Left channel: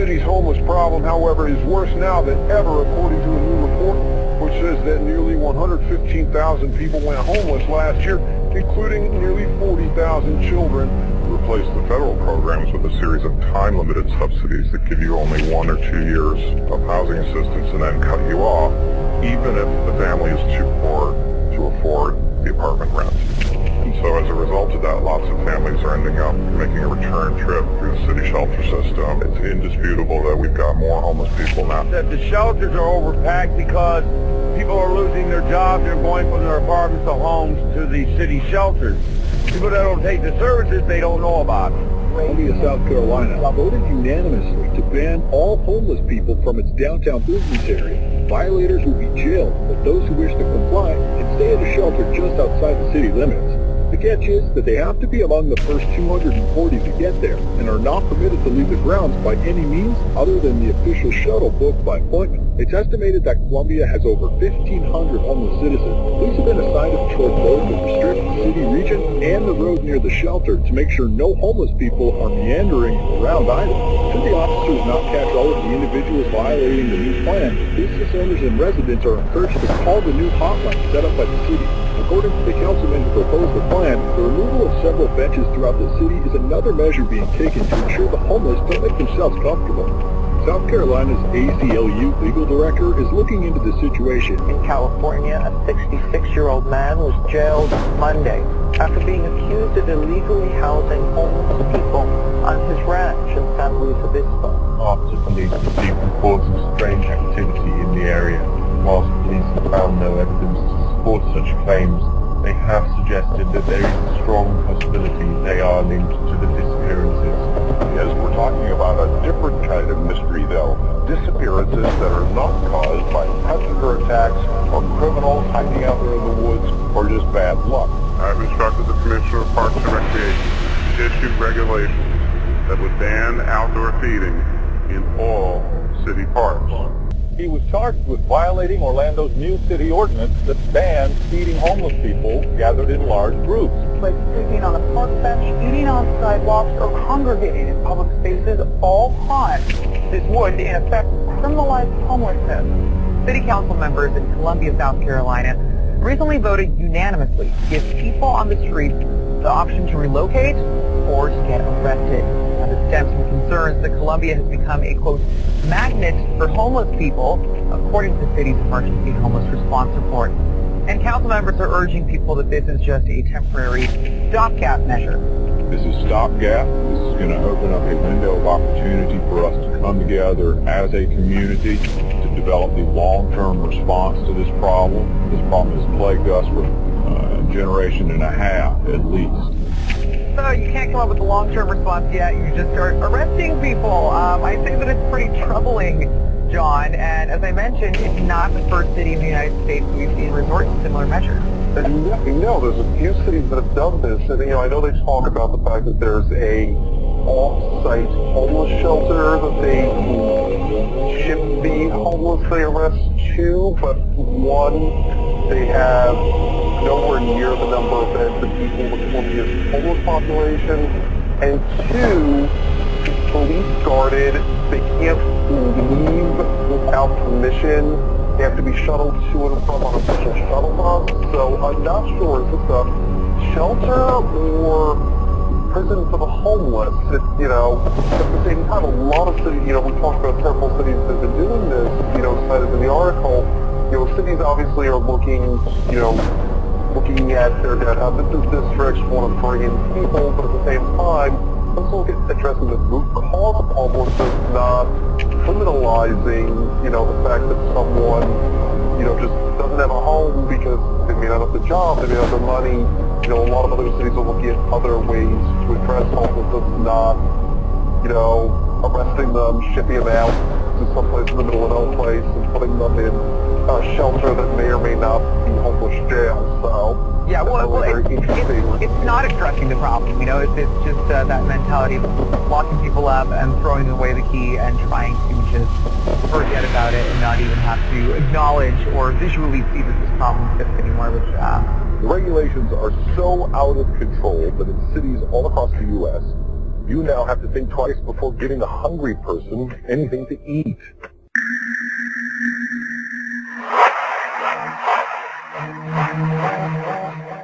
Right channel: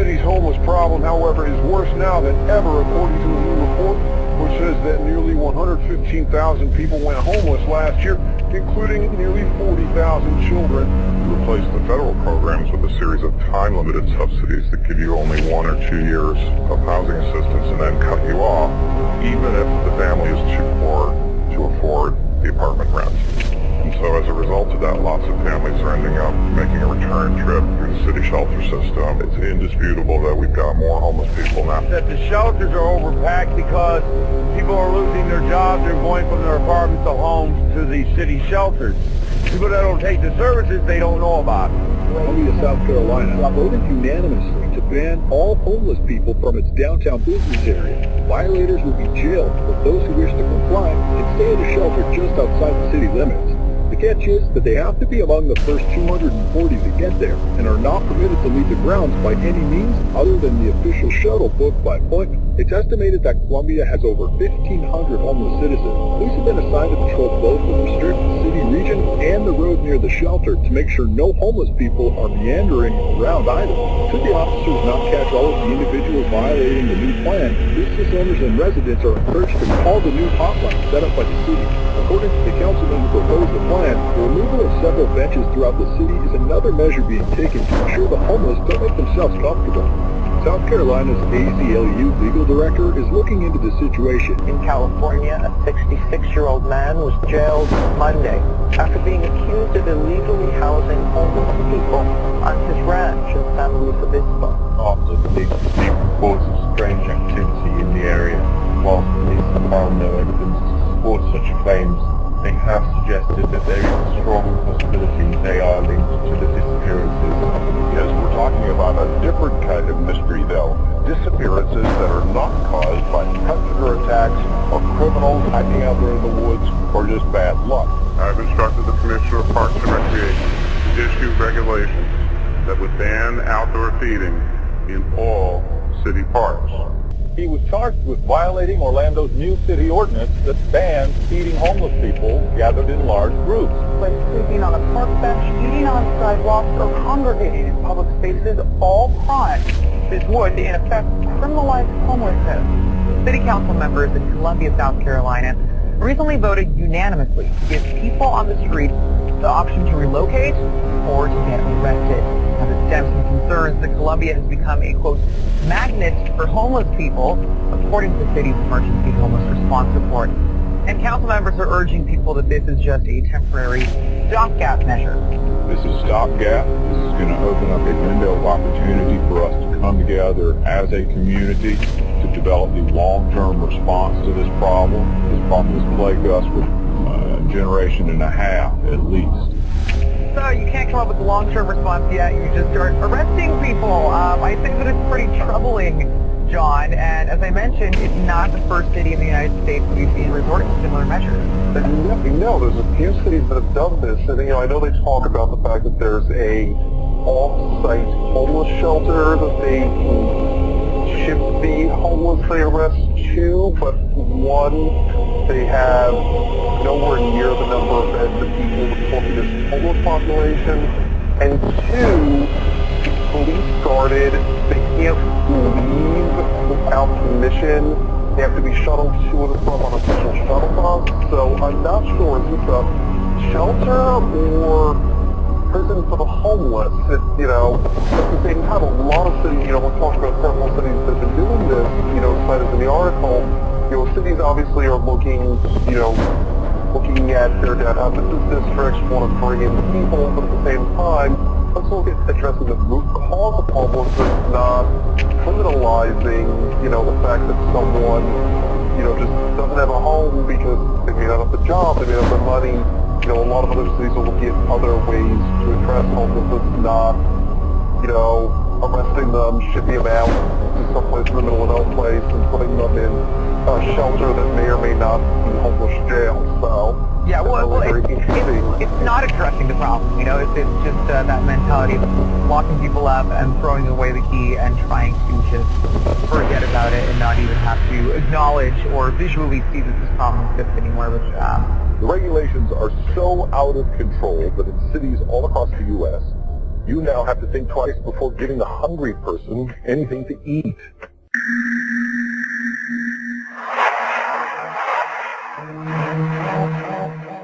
city's homeless problem, however, is worse now than ever, according to a new report, which says that nearly 115,000 people went homeless last year, including nearly 40,000 children. Replace the federal programs with a series of time-limited subsidies that give you only 1 or 2 years of housing assistance and then cut you off, even if the family is too poor to afford the apartment rent. And so as a result of that, lots of families are ending up making a return trip through the city shelter system. It's indisputable that we've got more homeless people now. The shelters are overpacked because people are losing their jobs and going from their apartments to homes to the city shelters. People that don't take the services they don't know about. Columbia, South Carolina voted unanimously to ban all homeless people from its downtown business area. Violators will be jailed, but those who wish to comply can stay at a shelter just outside the city limits. The catch is that they have to be among the first 240 to get there and are not permitted to leave the grounds by any means other than the official shuttle booked by foot. It's estimated that Columbia has over 1,500 homeless citizens. Police have been assigned to patrol both the restricted city region and the road near the shelter to make sure no homeless people are meandering around either. Should the officers not catch all of the individuals violating the new plan, business owners and residents are encouraged to call the new hotline set up by the city. According to the councilman who proposed the plan, the removal of several benches throughout the city is another measure being taken to ensure the homeless don't make themselves comfortable. South Carolina's ACLU legal director is looking into the situation. In California, a 66-year-old man was jailed Monday after being accused of illegally housing homeless people on his ranch in San Luis Obispo. After police received reports of strange activity in the area, whilst police have found no evidence to support such claims, they have suggested that there is a strong possibility they are linked to the disappearances. Yes, we're talking about a different kind of mystery, though. Disappearances that are not caused by predator attacks or criminals hiding out there in the woods or just bad luck. I've instructed the Commissioner of Parks and Recreation to issue regulations that would ban outdoor feeding in all city parks. He was charged with violating Orlando's new city ordinance that bans feeding homeless people gathered in large groups. Like sleeping on a park bench, eating on sidewalks, or congregating in public spaces, all crimes. This would, in effect, criminalize homelessness. City council members in Columbia, South Carolina, recently voted unanimously to give people on the street the option to relocate or to get arrested. Now, this stems from concerns that Columbia has become a, quote, magnet for homeless people, according to the city's emergency homeless response report. And council members are urging people that this is just a temporary stopgap measure. This is stopgap. This is going to open up a window of opportunity for us to come together as a community to develop a long-term response to this problem. This problem has plagued us for a generation and a half at least. So you can't come up with a long-term response yet. You just are arresting people. I think that it's pretty troubling, John. And as I mentioned, it's not the first city in the United States you've seen resort to similar measures. And no, there's a few cities that have done this. And, I know they talk about the fact that there's a off-site homeless shelter that they ship the homeless they arrest to, but one, they have nowhere near the number of beds that people with Columbia's homeless population, and two, police started, they can't leave without permission. They have to be shuttled to and from on official shuttle bus. So I'm not sure, is this a shelter or prison for the homeless? At the same time, a lot of cities, we're talking about several cities that have been doing this, cited in the article. Cities obviously are looking at their data. This is districts want to bring in people, but at the same time, let's look at addressing the root cause of homelessness, not criminalizing, the fact that someone, just doesn't have a home because they may not have the job, they may have the money. A lot of other cities are looking at other ways to address homelessness, not, arresting them, shipping them out to someplace in the middle of no place and putting them in a shelter that may or may not be homeless jail. So yeah, it's not addressing the problem. It's just that mentality of locking people up and throwing away the key and trying to just forget about it and not even have to acknowledge or visually see that this problem exists anymore. Which the regulations are so out of control that in cities all across the U.S., You now have to think twice before giving a hungry person anything to eat.